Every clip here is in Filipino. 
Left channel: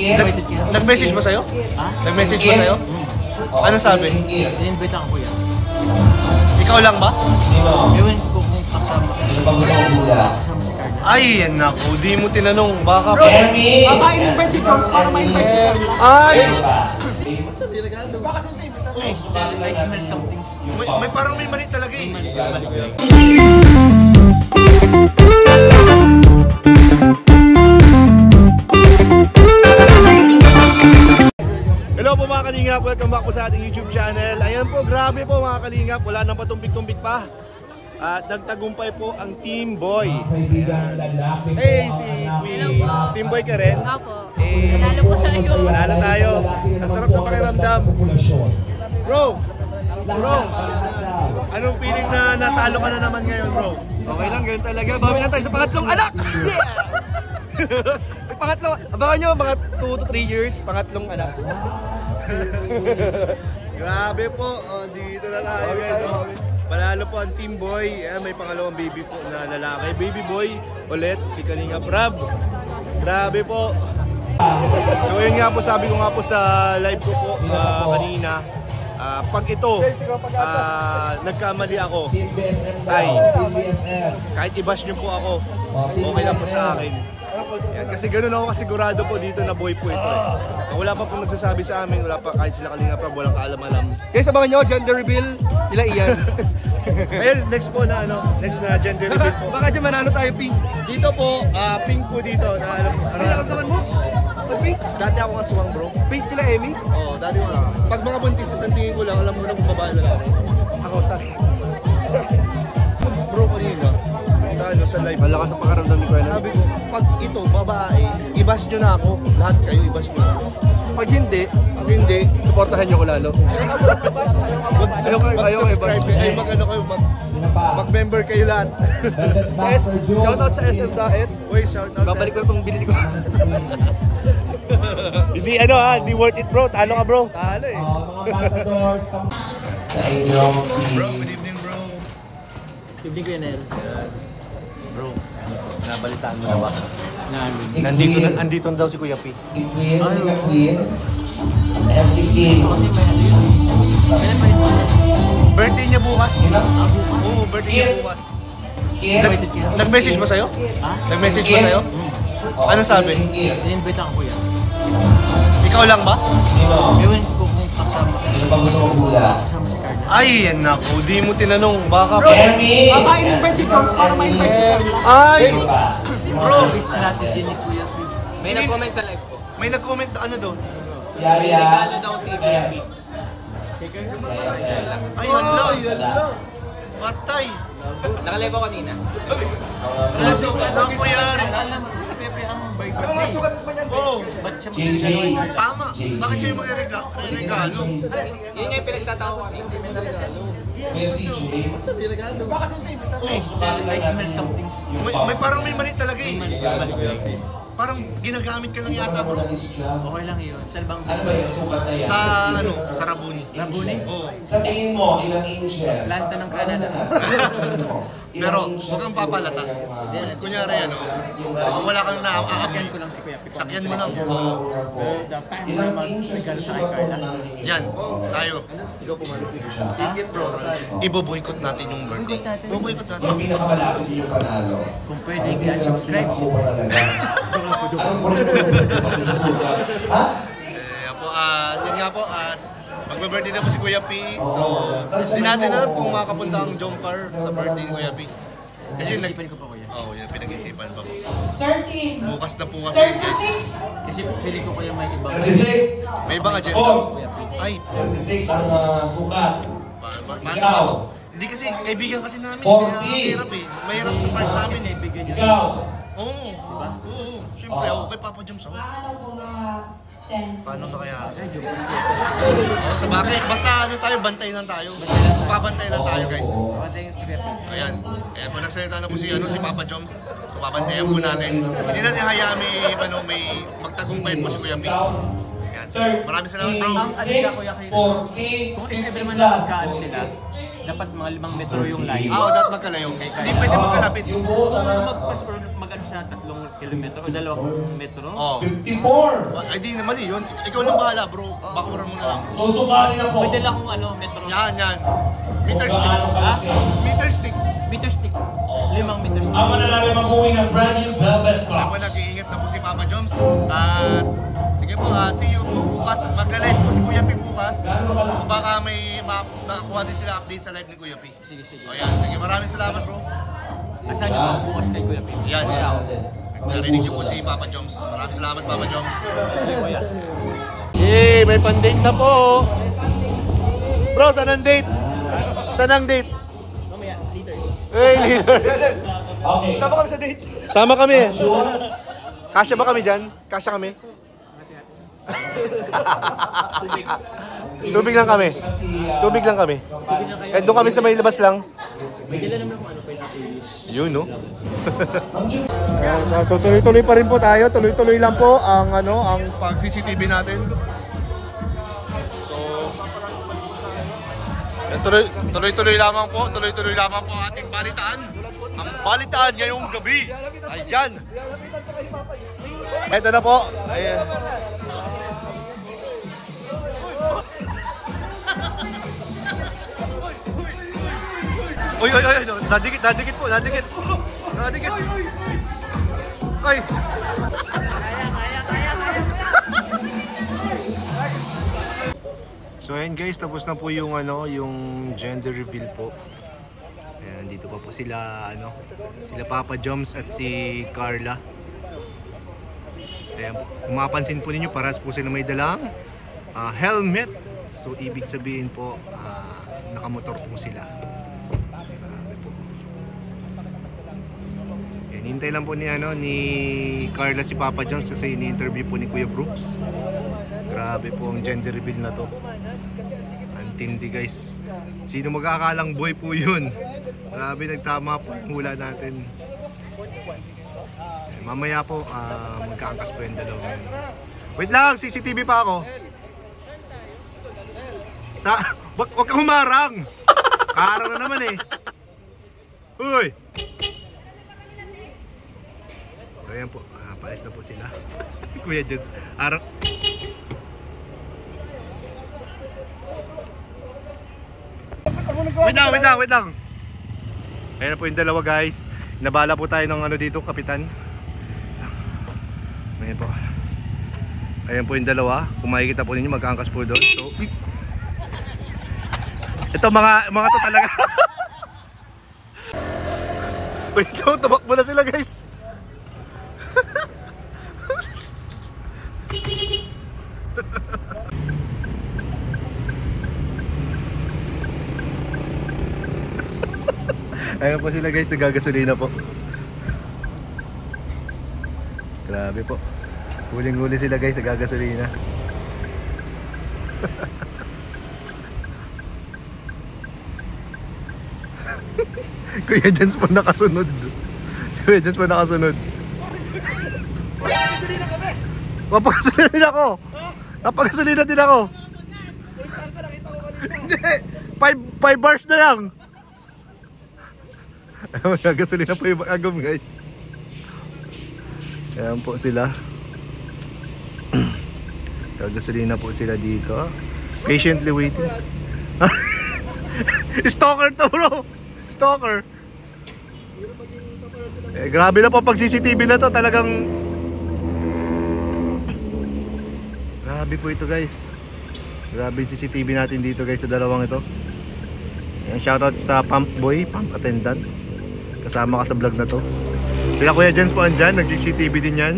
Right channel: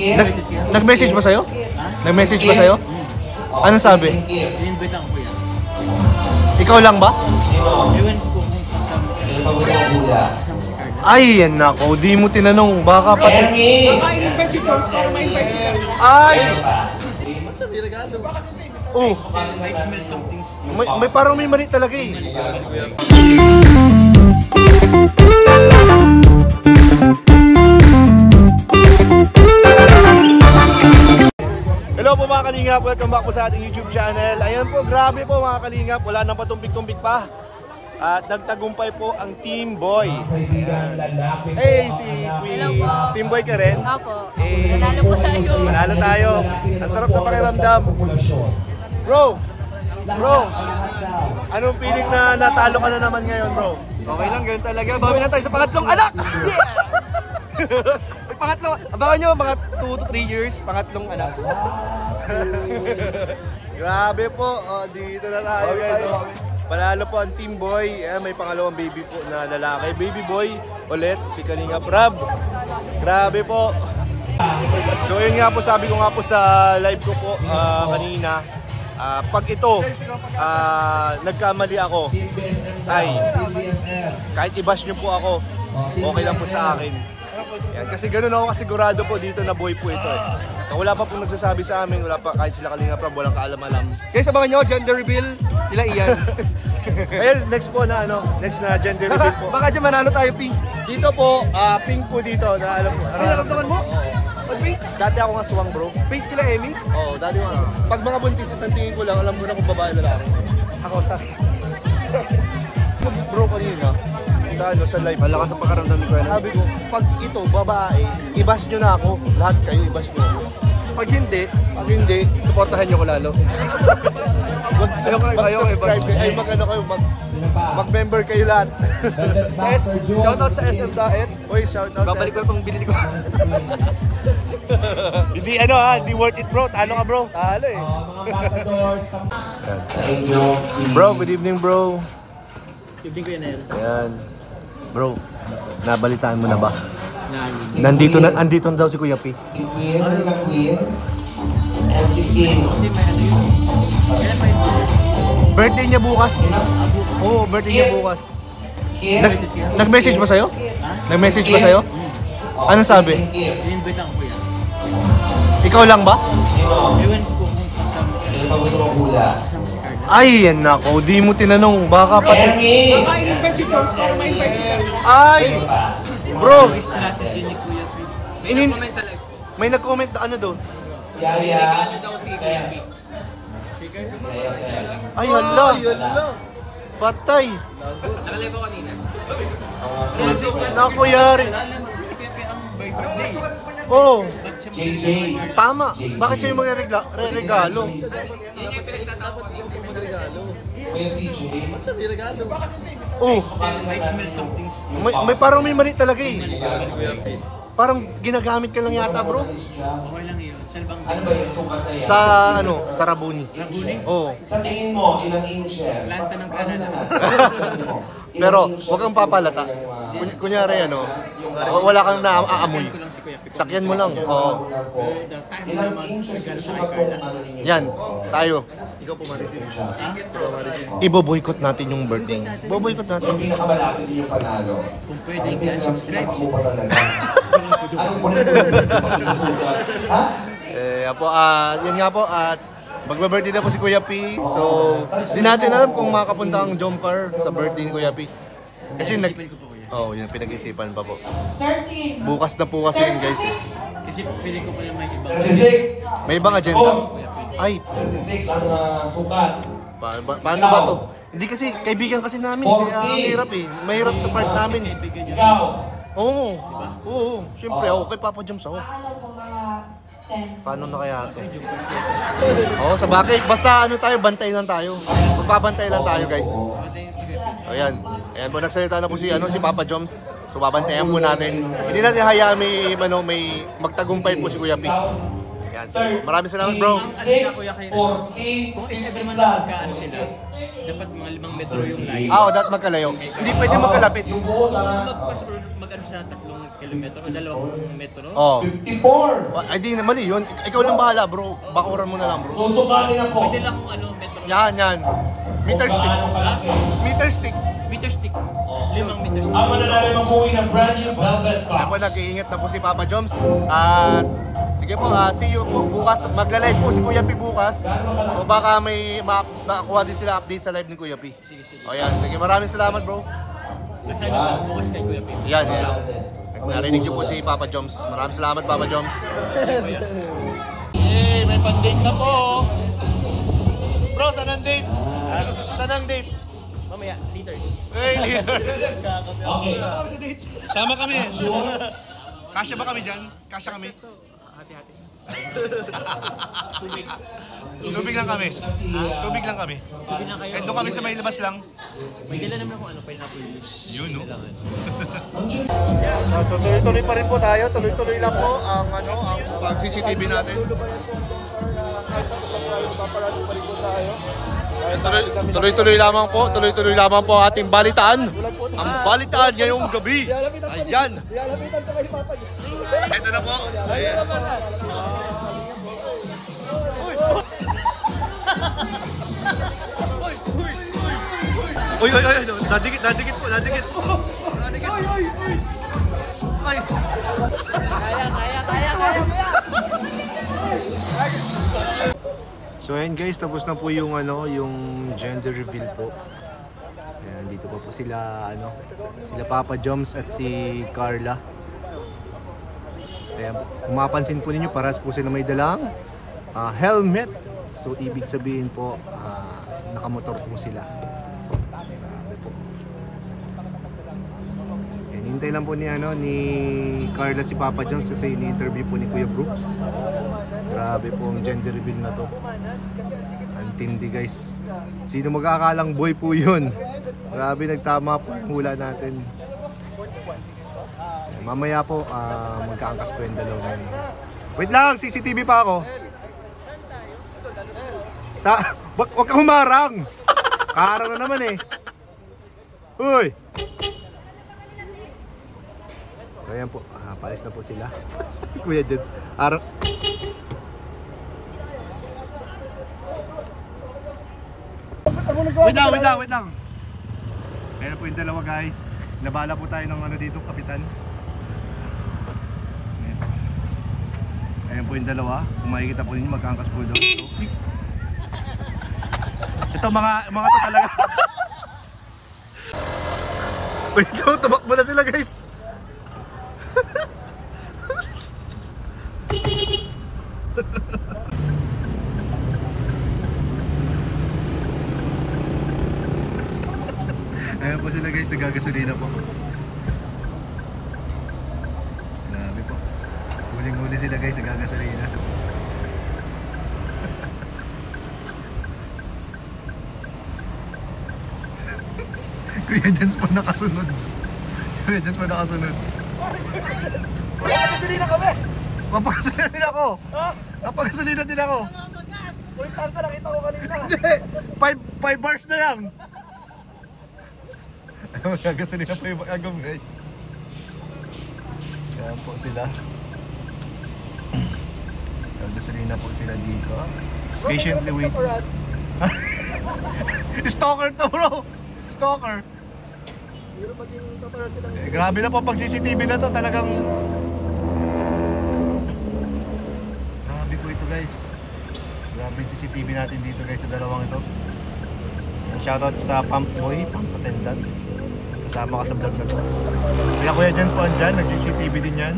Nag-message ba sa'yo? Ha? Nag-message ba sa'yo? Anong sabi? In-invite ako kuya. Ikaw lang ba? Ewan ko kung kasama si Carla. Ay, yan ako. Di mo tinanong. Baka pa. Ma-invite si Jones para ma-invite si Carla. Ay! Oh, I smell something. may parang may mali talaga eh. Hello po mga kalingap, welcome back po sa ating YouTube channel. Ayan po, grabe po mga kalingap, wala nang patumpik-tumpik pa. At nagtagumpay po ang Team Boy. Ayan. Hey, Hello po. Team Boy ka rin? Opo. Nanalo po tayo. Nanalo tayo. Ang sarap sa pakiramdam. Bro, anong feeling na natalo ka na naman ngayon, bro? Okay lang, ganyan talaga. Bawi na tayo sa pangatlong anak! May pangatlo, abangan nyo, mga 2 to 3 years, pangatlong anak. Grabe po, dito na tayo guys. Panalo po ang Team Boy. May pangalawang baby po na lalaki. Baby boy ulit, si Kalinga Prab. Grabe po. So yun nga po, sabi ko nga po sa live ko po kanina. Pag ito, nagkamali ako, ay kahit i-bash nyo po ako, okay lang po sa akin. Yan, kasi ganoon ako kasigurado po dito na boy po ito eh. Wala pa pong nagsasabi sa amin, wala pa kahit sila Kalinga Prab, walang kaalam-alam. Guys, abangan nyo, gender reveal, nila iyan. Ayun, next po na next na gender reveal po. Baka dyan manalo tayo, pink. Dito po, pink po dito, na alam po, nararamdaman mo? Pink? Dati ako nga suwang bro. Pink tila Emmy? Oo, dati ko lang. Pag mga buntis, isang tingin ko lang, alam mo na kung babae na lang. Ako, sorry. Bro, kanina, sa live. Malakas sa pakaramdam ko. Sabi ko, pag ito, babae, i-bash nyo na ako. Lahat kayo, i-bash nyo ako. Pag hindi, supportahan nyo ko lalo. Mag-subscribe kayo, ay mag-ano kayo, mag-member kayo lahat. Shoutout sa SM Daet. Uy, shoutout sa SM. Babalik ko na pang binili ko. Hindi hindi worth it bro. Talo ka bro. Talo eh. Bro, good evening bro. Good evening kuya Nel. Ayan. Bro, nabalitaan mo na ba? Andito daw si Kuya P. Kasi may ano yun eh. Kailan pa yun? Birthday niya bukas. Oo, birthday niya bukas. Nag-message ba sa'yo? Ha? Nag-message ba sa'yo? Anong sabi? In-invite ako kuya. Ikaw lang ba? Ewan ko kung kasama si Carla. Ay, yan ako. Di mo tinanong. Baka pa. Ma-invite si Jones para ma-invite si Carla. Ay! Bro! Strategy ni Kuya P. May nag-comment sa live ko. May nag-comment na ano doon? Regalo daw si Kuya P. Ay, hala! Patay! Nakalive ako kanina. Naku yan! Alam mo si Kuya P ang birthday. Oo. Ba't siya magregalo? Tama. Bakit siya yung regalo? Yun yung pinagtatawag. Oh, I smell something. may parang may mali talaga eh. Mali. Parang ginagamit ka lang yata bro. Okay lang yun. Salbang Sa sa Rabuni. Rabuni? Oo. Sa tingin mo, ilang inches? Planta ng Canada. Pero huwag kang papalata. Kunyari wala kang Sakyan naaamoy. ko lang si Kuya P. Sakyan mo lang. Oo. Pero the time mo mag-regalo sa kay Carla. Yan, tayo. Ha? Ibo-boycott natin yung birthday. Ibo-boycott natin. Yung pinakamalapit yung panalo. Kung pwede, i-unsubscribe si Yan nga po, magba-birthday na po si Kuya P. So, hindi natin alam kung makapunta ang jumper sa birthday ni Kuya P. Kasi Pinag-isipan ko pa kuya. yun pinag-isipan pa po. Bukas na po kasi yun guys. Kasi feeling ko kuya may ibang 36. May ibang agenda. Ay, 36 ang sukat. paano ba to? Hindi kasi, kaibigan kasi namin. Mahirap eh. Mahirap sa part namin. kaibigan nyo. Ikaw. Oo, diba? Oo, siyempre ako kay Papa Jams ako. Paano na kaya? Ay, joke kasi. Oo, sa bakit? Basta tayo, bantay lang tayo. Babantay lang tayo guys. Kapatay yung si Kuya P. Ayan. Ayan po, nagsalita na po si Papa Joms. So babantayan po natin. Hindi natin hayaan may magtagumpay po si Kuya P. Ayan. So, maraming salamat bro. Ang alika kuya kayo. Kung if ever man na magkaano sila, dapat mga 5 metro yung layo. dapat magkalayo. Hindi pwede magkalapit. Yung buo na Mas mag-ano siya 3 kilometro o 2 metro. Oh. 54. Ay di naman yun. Ikaw nang bahala bro. Bakuran mo na lang. Susukatin na po. Pwede lang kung ano, metro. Yan. Kung Meter gaano stick. kalaki. Meter stick. Meter stick. 5 meter stick. Ang malalalim ang buhay ng brand new Velvet Ako Box. nag-iingat na po si Papa Joms. At sige po, see you po bukas. Magla-live po si Kuya P bukas. Kung baka may makakuha din sila update sa live ni Kuya P. Sige. O yan, sige. Maraming salamat bro. Asan niyo pa bukas kay Kuya Pim? Yan. Narinig niyo po si Papa Joms. Maraming salamat Papa Joms. Yay! May pan-date na po. Bro, saan ang date? Saan ang date? Mamaya, liters. Hey, Okay. Tama kami sa date. Sama kami. Kasya ba kami dyan? Kasya kami? Tubig lang kami. Tubig lang kami. Kahit doon kami sa may labas lang. Bigyan naman kung ano pineapple juice. Yun, no? So, tuloy-tuloy pa rin po tayo. Tuloy-tuloy lang po ang pag-CCTV natin. So, tuloy-tuloy lamang po. Tuloy-tuloy lamang po ating balitaan. Ang balitaan ngayong gabi. Ayan. Ito na po. Ayan. Uy, nadikit po, nadikit. Ay. So ayan guys, tapos na po yung yung gender reveal po. Ayan, dito pa po sila sila Papa Joms at si Carla. Ayan, kung mapansin po ninyo, paras po sila may dalang helmet. So ibig sabihin po nakamotor po sila. Hintay lang po ni ni Carla si Papa Joms kasi ini-interview po ni Kuya Brooks. Grabe po ang gender reveal na to. Antindi guys. Sino mag-aakalang boy po yun? Grabe, nagtama po yung hula natin. Mamaya po magkaangkas po yung dalawa ngayon. Wait lang, CCTV pa ako. Wag ka humarang. Kaharang na naman eh. Uy. So ayan po, paalis na po sila. Si Kuya Joms. Wait lang. Ayan po yung dalawa guys. Nabala po tayo ng dito, kapitan. Ayan po. Ayan po yung dalawa. Kung makikita po ninyo, magkaangkas po doon. So, ito mga to talaga. Wait lang, tumakbo na sila guys. Ayan po sila guys, nagagasolina po. Grabe po. Huling-huli sila guys, nagagasolina. Kuya Joms po nakasunod. Kuya Joms po nakasunod. Napagasolina kami. Napagasolina din ako. Napagasolina din ako. Uy, saan ka nakita ko kanina? Hindi. 5 bars na lang. Magagasolina po yung agam guys. Ayan po sila. Magagasolina po sila dito. Patiently waiting. Stalker to bro. Stalker. Grabe na po pag CCTV na to. Talagang grabe po ito guys. Grabe CCTV natin dito guys sa dalawang ito. Shoutout sa pump boy, pump attendant. Kasama ka sa vlog na to. Kaya Kuya Joms po andyan, nag-CCTV din yan.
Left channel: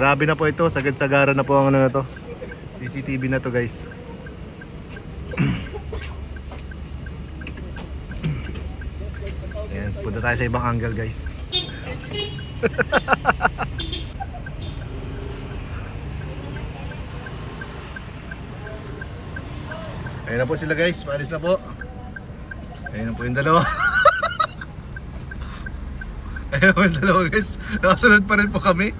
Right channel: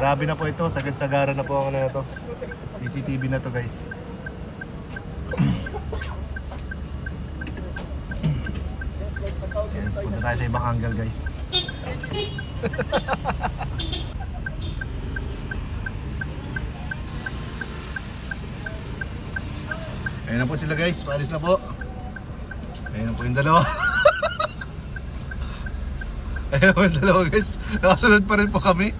Grabe na po ito, sagad-sagara na po ang na to. CCTV na to guys. Ayan, punta tayo sa ibang angle guys. Ayan na po sila guys, paalis na po. Ayan na po yung dalawa. Ayan na po yung dalawa guys, nakasunod pa rin po kami.